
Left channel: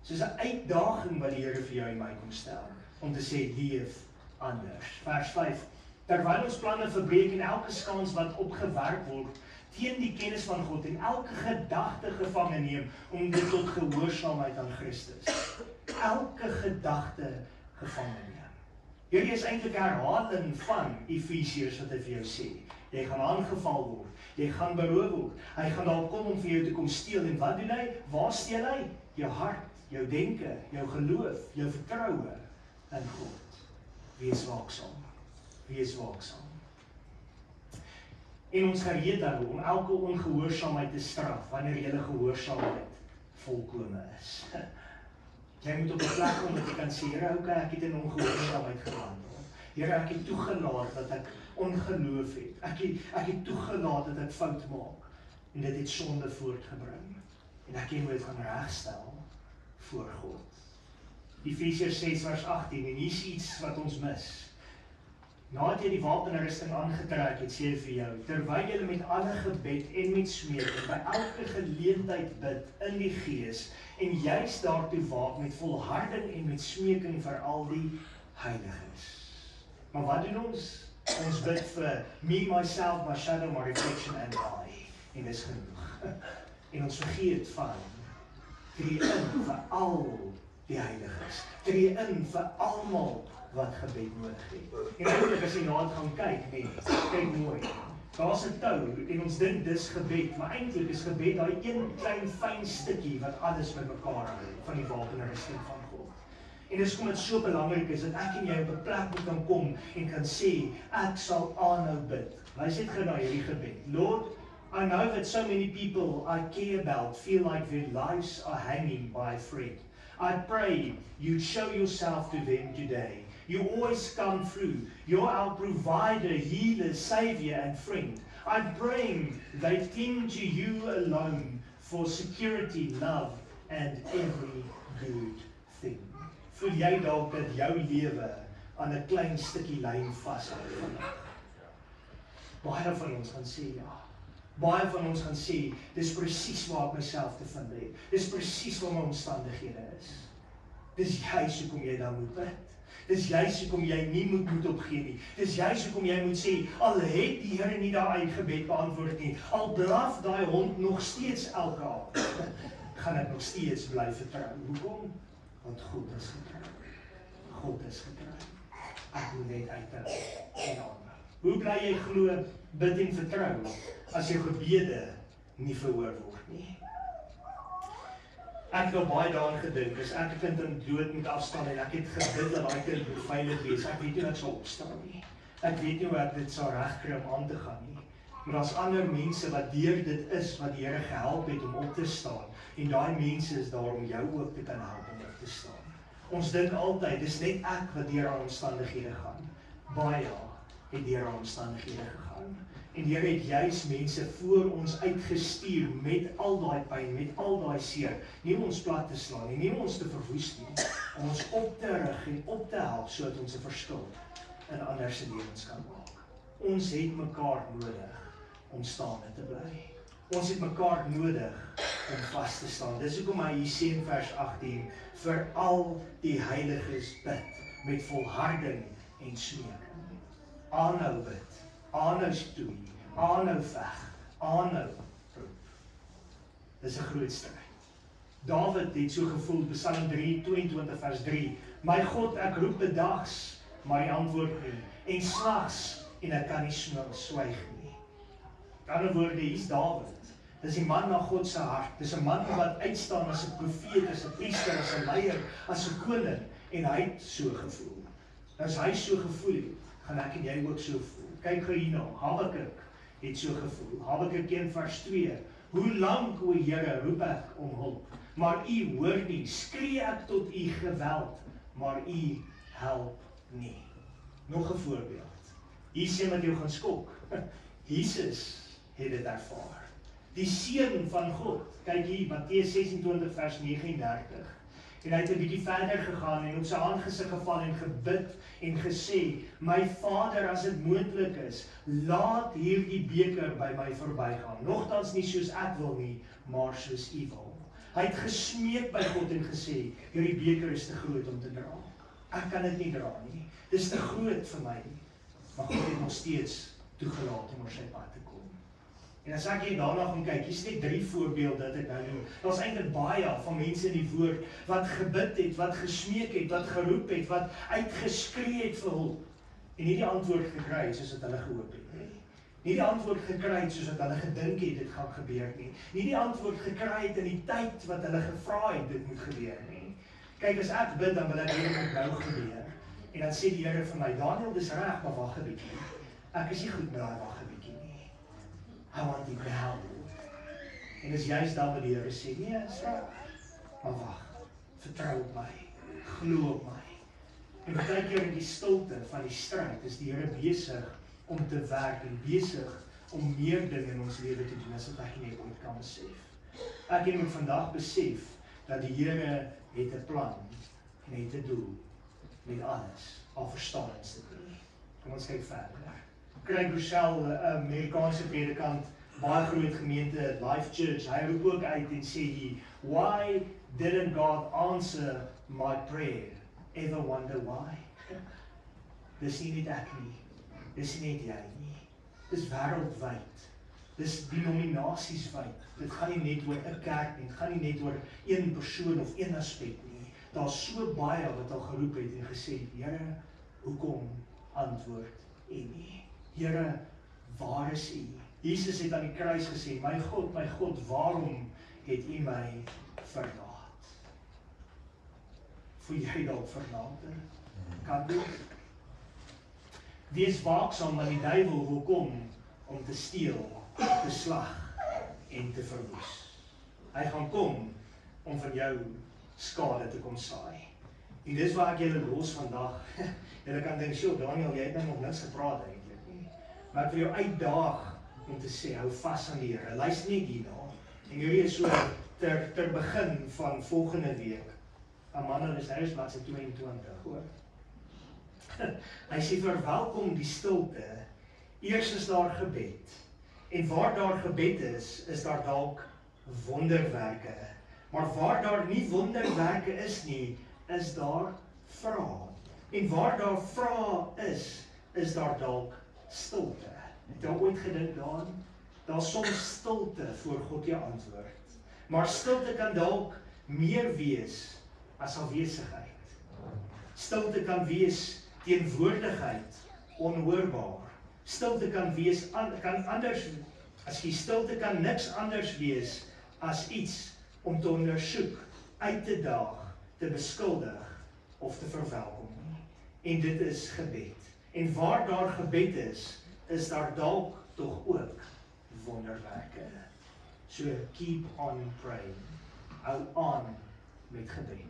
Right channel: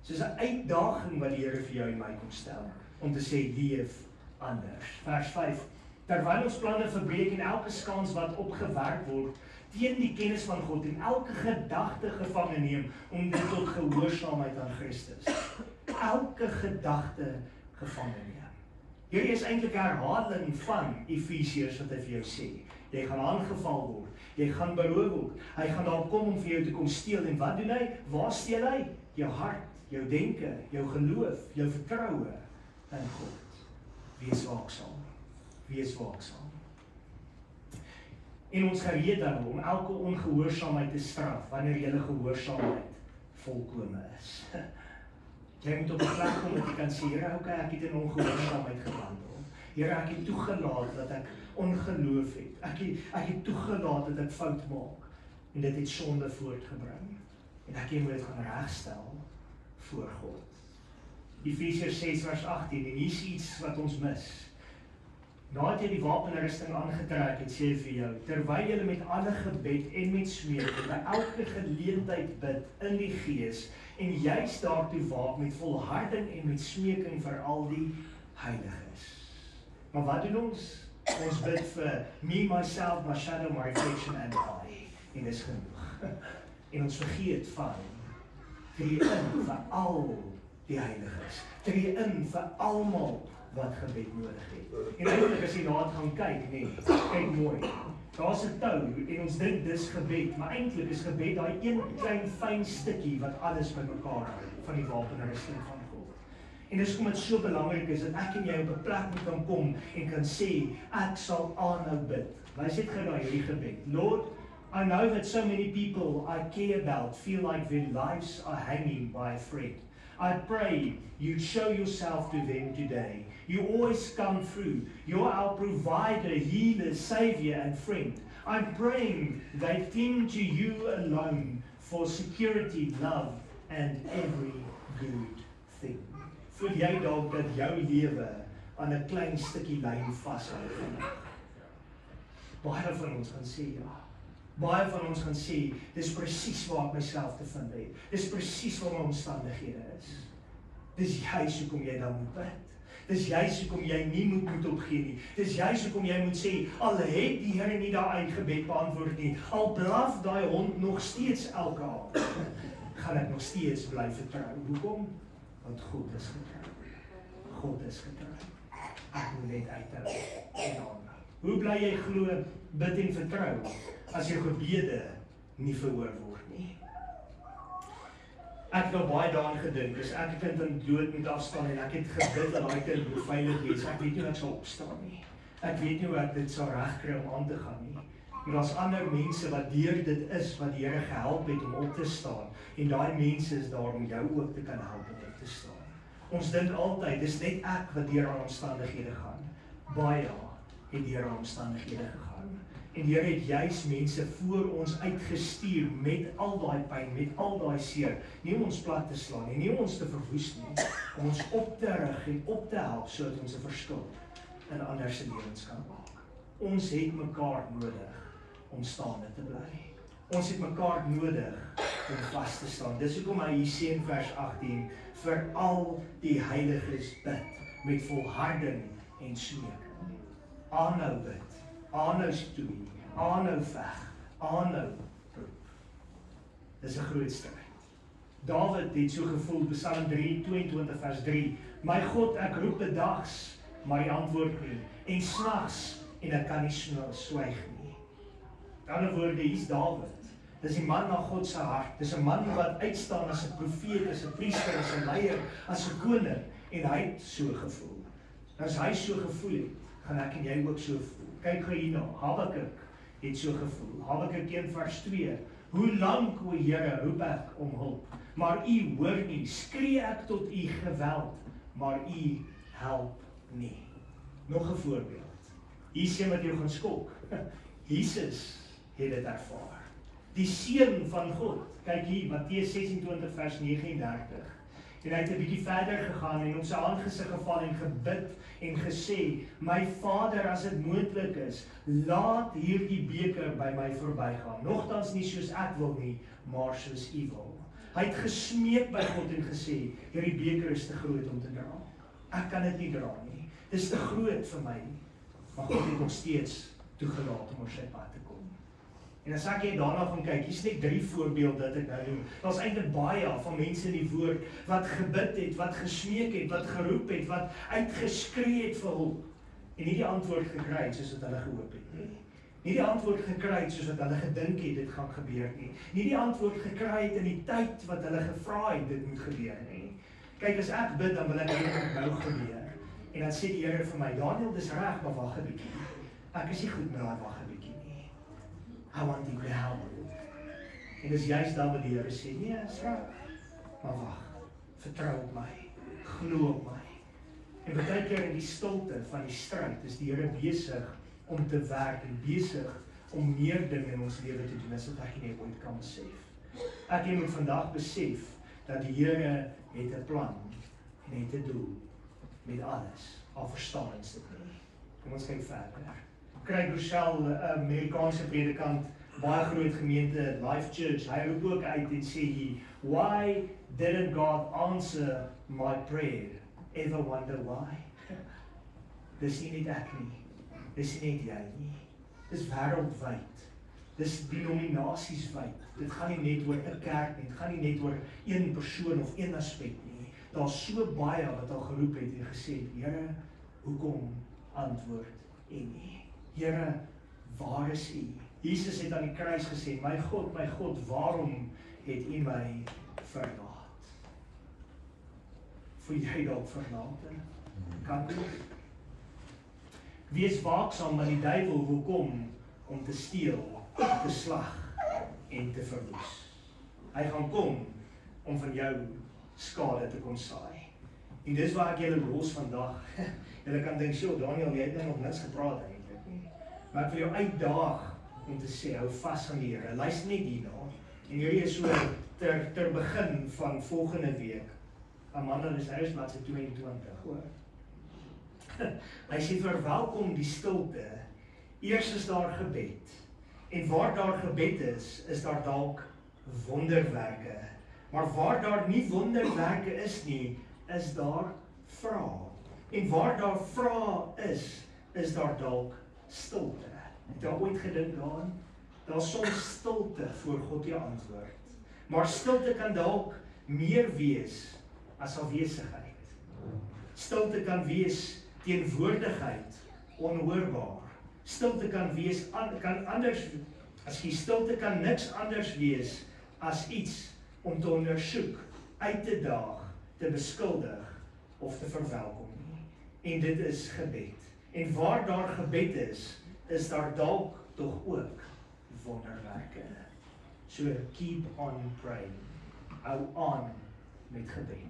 Soos 'n uitdaging wat die Here vir jou en my kom stel, om te sê, leef anders. Vers 5, terwyl ons planne verbreek en elke skans wat opgewerk word, teen die kennis van God en elke gedagte gevange neem, om dit tot gehoorsaamheid aan Christus. Elke gedagte gevange neem. Hierdie is eintlik 'n herhaling van Efesiërs wat hy vir jou sê. Jy gaan aangeval word, jy gaan beroof word, hy gaan dalk kom om vir jou te kom steel, en wat doen hy? Waar steel hy? Jou hart, jou denke, jou geloof, jou vertroue in God. Wees waaksaam. Wees waaksaam. En ons gereed daarom om elke ongehoorsaamheid te straf, wanneer julle gehoorsaamheid volkome is. Jy moet op 'n plek kom dat jy kan sê, Here, okay, ek het in ongehoorsaamheid gewandel. Here, ek het toegelaat dat ek ongeloof het. Ek het toegelaat dat ek fout maak. En dit het sonde voortgebring. En ek het dit gaan regstel voor God. Efesiërs 6 vers 18, en hier is iets wat ons mis. Nadat jy die wapenrusting aangetrek het, sê hy vir jou, terwyl jy met alle gebed en met smeek, by elke geleentheid bid in die Gees, en juist daartoe waak met volharding en met smeeking vir al die heiliges. Maar wat doen ons? Ons bid vir me, myself, my shadow, my reflection and I. En dis genoeg. En ons vergeet van tree in vir al die heiliges. Tree in vir almal wat gebed nodig het. En eintlik as jy daar gaan kyk, nee, kyk mooi. Daar's 'n tou en ons dink dis gebed, maar eintlik is gebed daai een klein fyn stukkie wat alles bymekaar hou van die wapenrusting van God. En dis hoekom dit so belangrik is dat ek en jy op 'n plek moet kan kom en kan sê, ek sal aanhou bid. Wys net gou daai hierdie gebed. Lord, I know that so many people I care about feel like their lives are hanging by a thread. I pray you show yourself to them today. You always come through. You're our provider, healer, savior, and friend. I'm praying they cling to you alone for security, love, and every good thing. Voel jy dalk dat jou lewe aan 'n klein stukkie lyn vashou? Baie van ons gaan sê ja. Baie van ons gaan sê, dis presies waar ek myself te vind het. Dis presies waar my omstandighede is. Dis juist hoekom jy dan moet bid. Dis juist hoekom jy nie moet opgee nie. Dis juist hoekom jy moet sê, al het die Here nie daai gebed beantwoord nie, al blaf daai hond nog steeds elke aand, gaan ek nog steeds bly vertrou. Hoekom? Want God is getrou. God is getrou. Ek moet net uithou en aanhou. Hoe bly jy glo, bid en vertrou, as jou gebede nie verhoor word nie? Ek het nou baie daaraan gedink, as ek 'n kind in dood moet afstaan en ek het gebid dat daai kind moet veilig wees, ek weet nie wat sal opstaan nie. Ek weet nie hoe ek dit sal regkry om aan te gaan nie. Maar daar's ander mense wat deur dit is, wat die Here gehelp het om op te staan, en daai mense is daar om jou ook te kan help om op te staan. Ons dink altyd, dis net ek wat deur aan omstandighede gaan. Baie het deur aan omstandighede gegaan. En die Here het juis mense voor ons uitgestuur met al daai pyn, met al daai seer, nie om ons plat te slaan nie, nie om ons te verwoes nie, om ons op te rig en op te help, sodat ons 'n verskil in ander se lewens kan maak. Ons het mekaar nodig om staande te bly. Ons het mekaar nodig om vas te staan. Dis hoekom hy hier sê in vers 18, vir al die heiliges bid, met volharding en smeeking. Aanhou bid. Aanhou stoei, aanhou veg, aanhou proef. Dis 'n groot stryd. Dawid het so gevoel, Psalm 22 vers 3, my God, ek roep bedags, maar hy antwoord nie, en snags, en ek kan nie swyg nie. In ander woorde, hier's Dawid. Dis die man na God se hart. Dis 'n man wat uitstaan as 'n profeet, as 'n priester, as 'n leier, as 'n koning, en hy het so gevoel. As hy so gevoel het, gaan ek en jy ook so voel. Kyk gou hierna, Habakuk het so gevoel. Habakuk 1 vers 2. Hoe lank, o Here, roep ek om hulp, maar u hoor nie. Skree ek tot u geweld, maar u help nie. Nog 'n voorbeeld. Hier sien wat jou gaan skok. Jesus het dit ervaar. die seun van God. Kyk hier, Matteus 26 vers 39. En hy het 'n bietjie verder gegaan en op sy aangesig geval en gebid en gesê, my Vader, as dit moontlik is, laat hierdie beker by my verbygaan. Nogtans nie soos ek wil nie, maar soos U wil. Hy het gesmeek by God en gesê, hierdie beker is te groot om te dra. Ek kan dit nie dra nie. Dit is te groot vir my. Maar God het nog steeds toegelaat om oor sy pad te kom. En as ek daarna gaan kyk, hier's net 3 voorbeelde dat ek nou doen. Daar's eintlik baie van mense in die woord wat gebid het, wat gesmeek het, wat geroep het, wat uitgeskree het vir hulp. En nie die antwoord gekry het soos wat hulle gehoop het nie. Nie die antwoord gekry het soos wat hulle gedink het dit gaan gebeur nie. Nie die antwoord gekry het in die tyd wat hulle gevra het dit moet gebeur nie. Kyk, as ek bid, dan wil ek dit moet nou gebeur. En dan sê die Here vir my, Daniel, dis reg, maar wag 'n bietjie. Ek is nie goed met daai wag 'n bietjie nie. I want you to help. En dis juist dan wat die Here sê, nee, is reg. Maar wag, vertrou op my, glo op my. En baie keer in die stilte van die stryd is die Here besig om te werk en besig om meer dinge in ons lewe te doen as wat ek en jy ooit kan besef. Ek moet vandag besef dat die Here het 'n plan en het 'n doel met alles, al verstaan ons dit nie. Kom ons kyk verder. Craig Rochelle, 'n Amerikaanse predikant, baie groot gemeente, Life Church, hy roep ook uit en sê hy, why didn't God answer my prayer? Ever wonder why? Dis nie net ek nie, dis nie net jy nie, dis wêreldwyd, dis denominasieswyd, dit gaan nie net oor 'n kerk nie, dit gaan nie net oor een persoon of een aspek nie, daar's so baie wat al geroep het en gesê, Here, hoekom antwoord U nie? Here, waar is U? Jesus het aan die kruis gesê, my God, waarom het U my verlaat? Voel jy dalk verlate? Kan dit? Wees waaksaam, want die duiwel wil kom om te steel, te slag en te verwoes. Hy gaan kom om van jou skade te kom saai. En dis waar ek julle los vandag. Julle kan dink, "Sjoe, Daniel, jy het nou nog niks gepraat eintlik nie." Maar ek wil jou uitdaag om te sê, hou vas aan die Here. Luister net hierna. En hierdie is so ter begin van volgende week. Amanda is huis bladsy 22, hoor. Hy sê, verwelkom die stilte. Eers is daar gebed. En waar daar gebed is daar dalk wonderwerke. Maar waar daar nie wonderwerke is nie, is daar vrae. En waar daar vrae is daar dalk stilte. Het jy ooit gedink daaraan? Daar's soms stilte voor God jou antwoord. Maar stilte kan dalk meer wees as afwesigheid. Stilte kan wees teenwoordigheid, onhoorbaar. Stilte kan wees, stilte kan niks anders wees as iets om te ondersoek, uit te daag, te beskuldig of te verwelkom nie. En dit is gebed. En waar daar gebed is daar dalk tog ook wonderwerke. So keep on praying. Hou aan met gebed.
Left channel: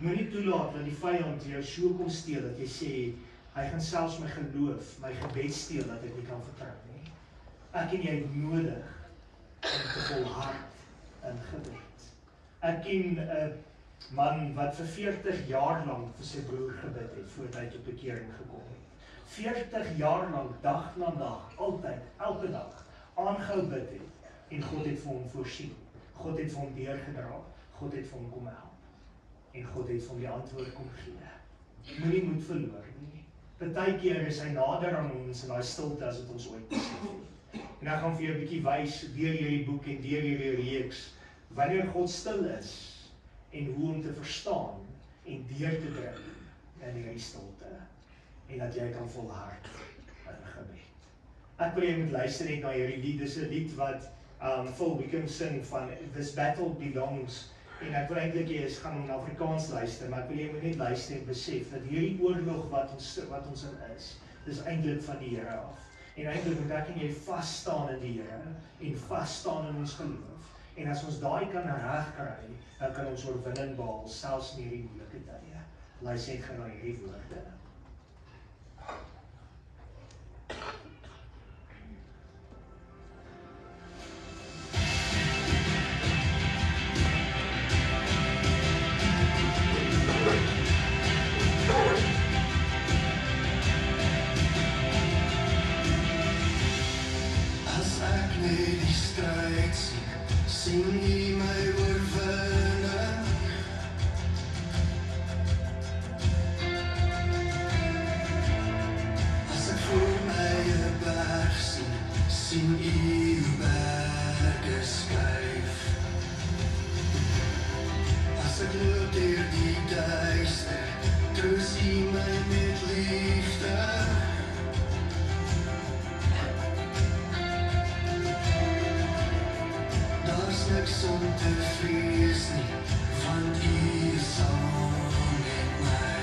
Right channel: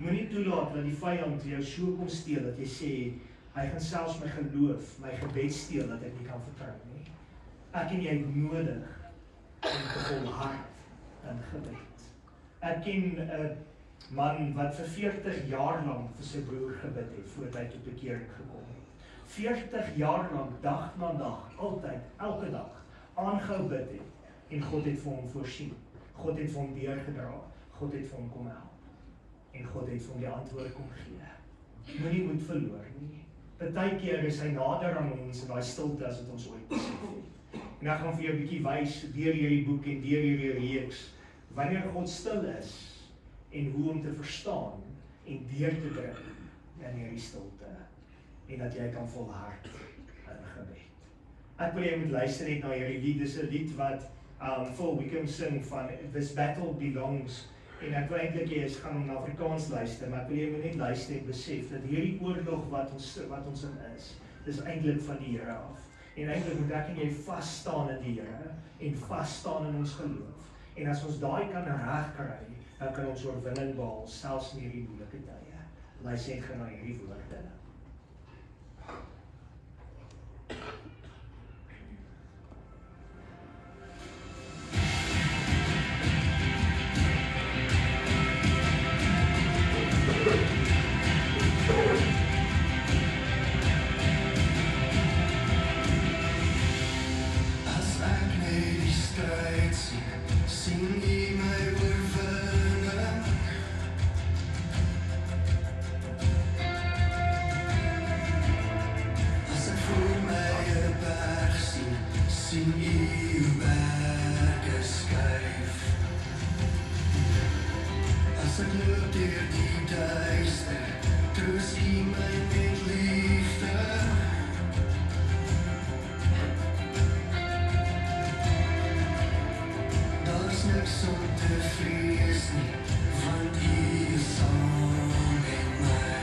Moenie toelaat dat die vyand jou so kom steel dat jy sê, hy gaan selfs my geloof, my gebed steel dat ek nie kan vertrou nie. Ek en jy het nodig om te volhard in gebed. Ek ken 'n man wat vir 40 jaar lank vir sy broer gebid het voordat hy tot bekering gekom het. 40 jaar lank, dag na dag, altyd, elke dag, aangehou bid het. En God het vir hom voorsien. God het vir hom deurgedra. God het vir hom kom help. En God het vir hom die antwoord kom gee. Moenie moed verloor nie. Partykeer is hy nader aan ons in daai stilte as wat ons ooit besef het. En ek gaan vir jou 'n bietjie wys deur hierdie boek en deur hierdie reeks wanneer God stil is en hoe om te verstaan en deur te dring in hierdie stilte en dat jy kan volhard in gebed. Ek wil jy moet luister net na hierdie lied. Dis 'n lied wat Phil Wickham sing van This Battle Belongs. En ek wil eintlik jy gaan om Afrikaans luister, maar ek wil jy moet net luister en besef dat hierdie oorlog wat ons in is, dis eintlik van die Here af. En eintlik moet ek en jy vas staan in die Here en vas staan in ons geloof. En as ons daai kan regkry, dan kan ons oorwinning behaal, selfs in hierdie moeilike tye. Luister net na hierdie woorde. sien u berge skuif. As ek loop deur die duister, troos u my met liefde. Daar's niks om te vrees nie, want u is saam met my.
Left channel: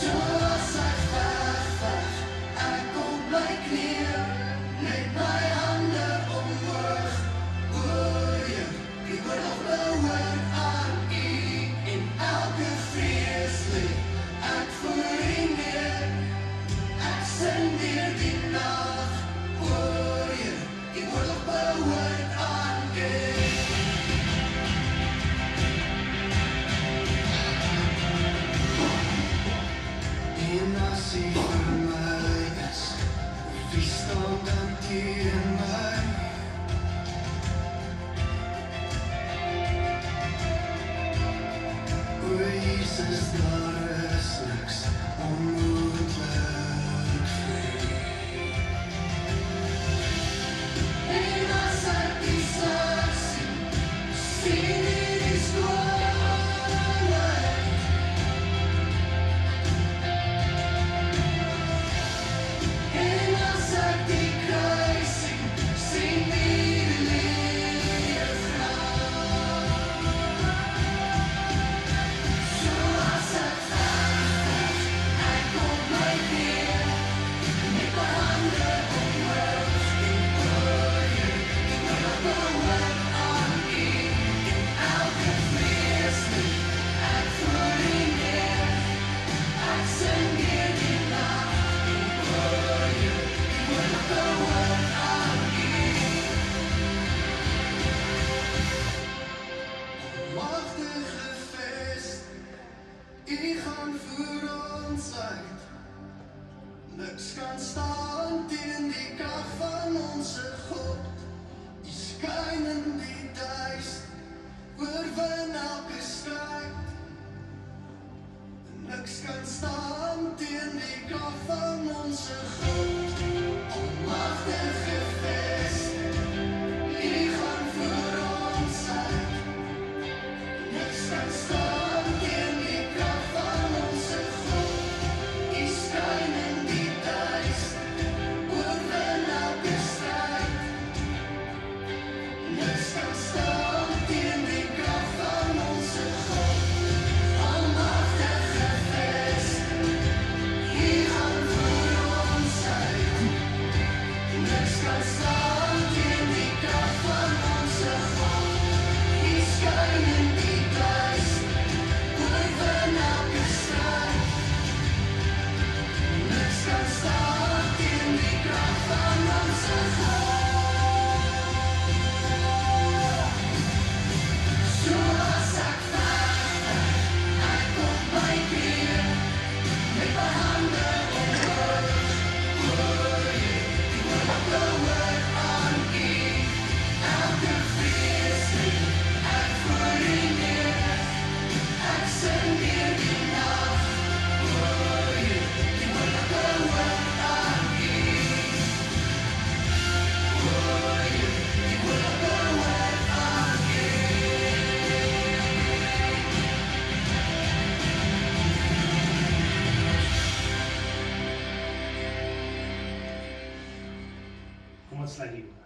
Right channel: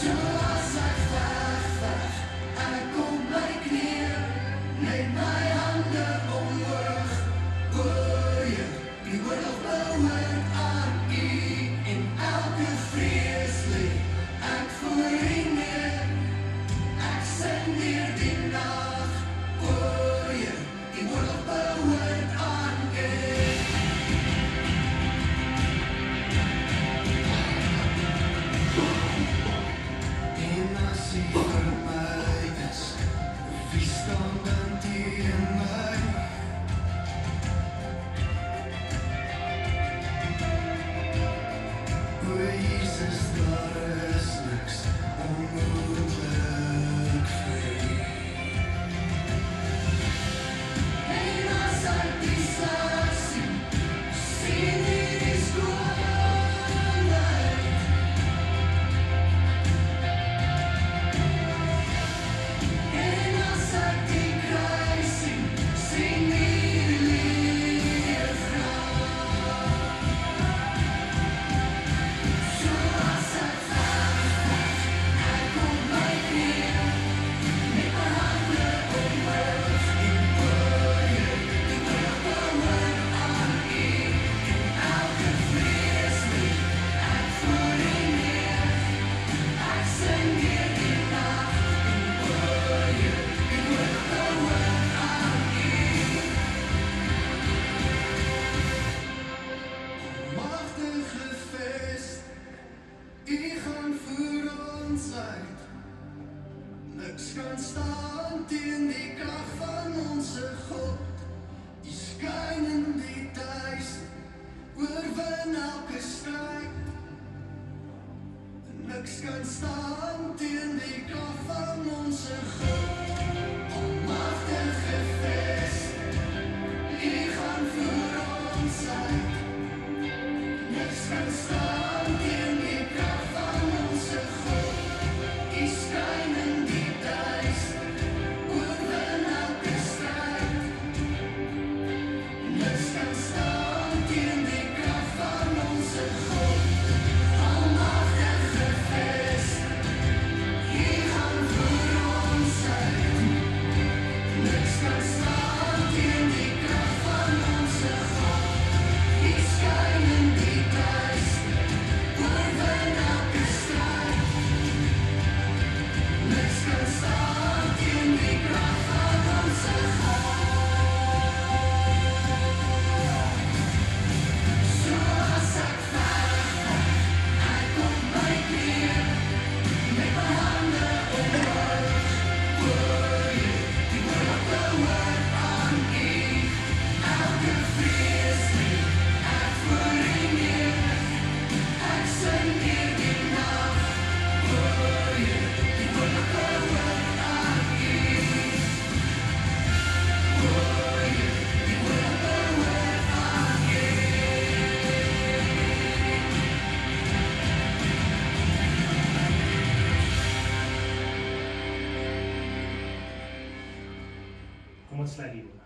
Soos ek wegvat, ek op my knieë, met my hande omhoog, Heer, u word op my woord aan u, en elke vrees lê ek voor u neer. Ek sing weer die nag, Heer, u word op my woord aan u. En as u vir my is, wie staan dan teen my? O Jesus, daar is niks onmoontlik vir u. En as ek die slag sien, sien u die skoonheid. En as ek die kruis sien, sien u die leefgraaf. Soos ek wegvat, ek op my knieë, met my hande omhoog, en Heer, u word op my woord aan u, en elke vrees lê ek voor u neer. Ek sing weer die nag, en Heer, u word op my woord aan u. Magtige Vest, u gaan voor ons uit. Niks kan staan teen die krag van onze God. U skyn in die duister, oorwin elke stryd. Niks kan staan teen die krag van onze God. Almagtige Vest, u gaan voor ons uit. Niks kan staan teen die krag van onze God. U skyn in die duister, oorwin elke stryd. Niks kan staan teen die krag van onze God. Almagtige Vest, u gaan voor ons uit. Niks kan staan teen die krag van onze God. U skyn in die duister, oorwin elke stryd. Niks kan staan teen die krag van onze God. Soos ek wegvat, ek op my knieë, met my hande omhoog, Heer, u word op my woord aan u, elke vrees lê ek voor u neer. Ek sing weer die nag, Heer, u word op my woord aan u. Heer, u word op my woord aan u. Kom ons sluit die oë.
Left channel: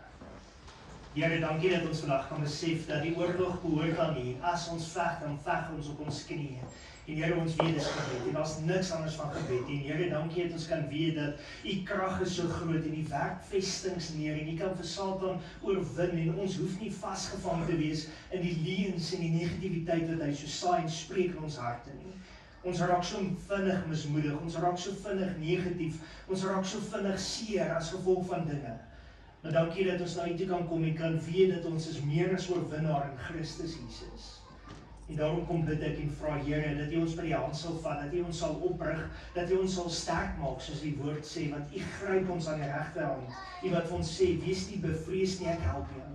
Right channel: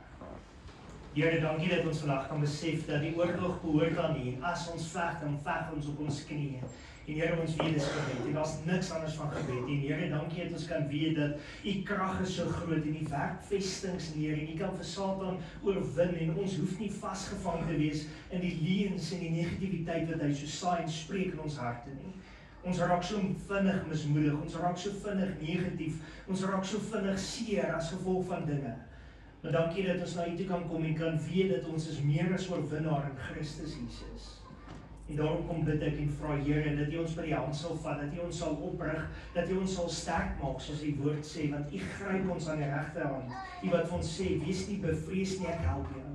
Here, dankie dat ons vandag kan besef dat die oorlog behoort aan U. As ons veg, dan veg ons op ons knieë. En Here, ons weet dis gebed. En daar's niks anders van gebed. En Here, dankie dat ons kan weet dat U krag is so groot en U werk vestings neer en U kan vir Satan oorwin en ons hoef nie vasgevang te wees in die leuns en die negativiteit wat hy so saai en spreek in ons harte nie. Ons raak so vinnig mismoedig, ons raak so vinnig negatief, ons raak so vinnig seer as gevolg van dinge. Maar dankie dat ons na U toe kan kom en kan weet dat ons is meer as oorwinnaar in Christus Jesus. En daarom kom bid ek en vra Here dat U ons by die hand sal vat, dat U ons sal oprig, dat U ons sal sterk maak soos die woord sê, want U gryp ons aan die regterhand. U wat vir ons sê, wees nie bevrees nie, ek help jou.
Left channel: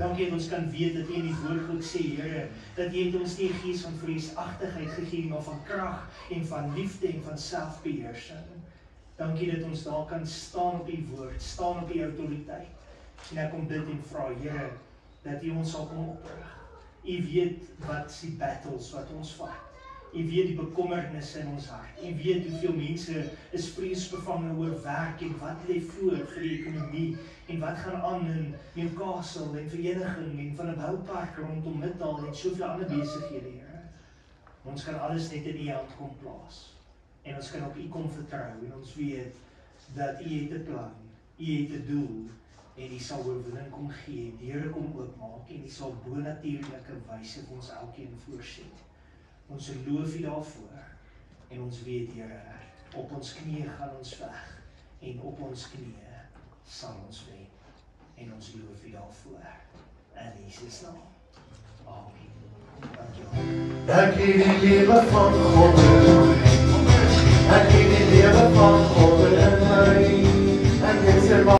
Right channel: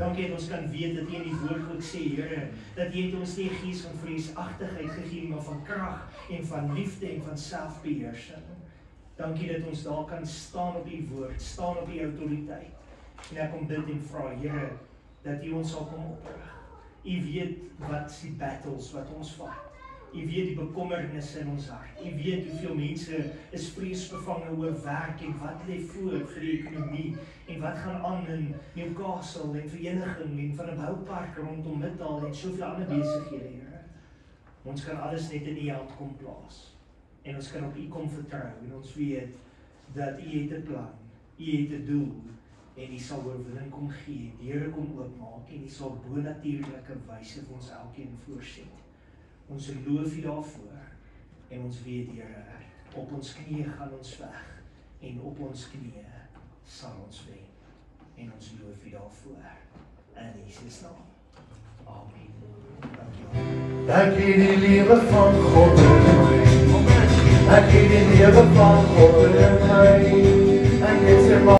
Dankie dat ons kan weet dat U in die woord ook sê, Here, dat U het ons nie 'n gees van vreesagtigheid gegee, maar van krag en van liefde en van selfbeheersing. Dankie dat ons daar kan staan op die woord, staan op die autoriteit. En ek kom bid en vra, Here, dat U ons sal kom oprig. U weet wat is die battles wat ons vat. U weet die bekommernisse in ons hart. U weet hoeveel mense is vreesbevange oor werk en wat lê voor vir die ekonomie en wat gaan aan in Newcastle en vereniging en van 'n boupark rondom Middaal en soveel ander besighede, Here. Ons kan alles net in U hand kom plaas. En ons kan op U kom vertrou en ons weet dat U het 'n plan, U het 'n doel en U sal oorwinning kom gee, deure kom oopmaak en U sal bonatuurlike wyse vir ons elkeen voorsien. Ons loof U daarvoor en ons weet, Here, op ons knieë gaan ons veg en op ons knieë sal ons wen. En ons loof U daarvoor. In Jesus naam. Amen. Dankie. Dankie die liefde van God.